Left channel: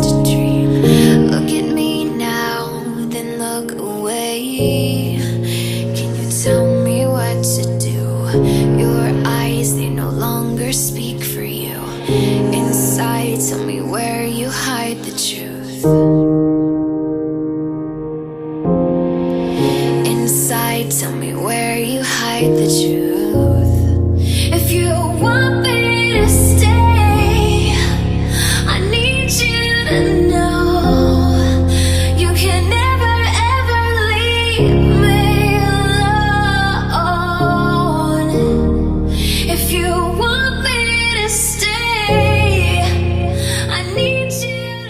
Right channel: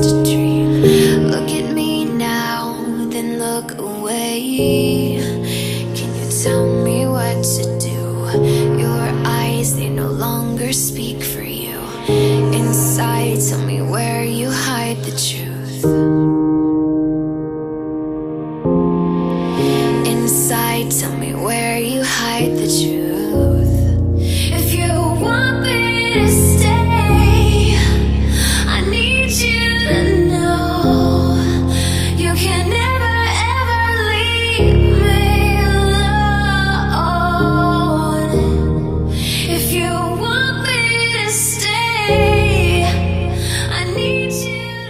just a dream. Look at me now, then look away. Can you tell me what to do? Your eyes, they no longer speak for you. Inside, tell me where you hide the truth. Inside, tell me where you hide the truth. If you want me to stay, I need you to know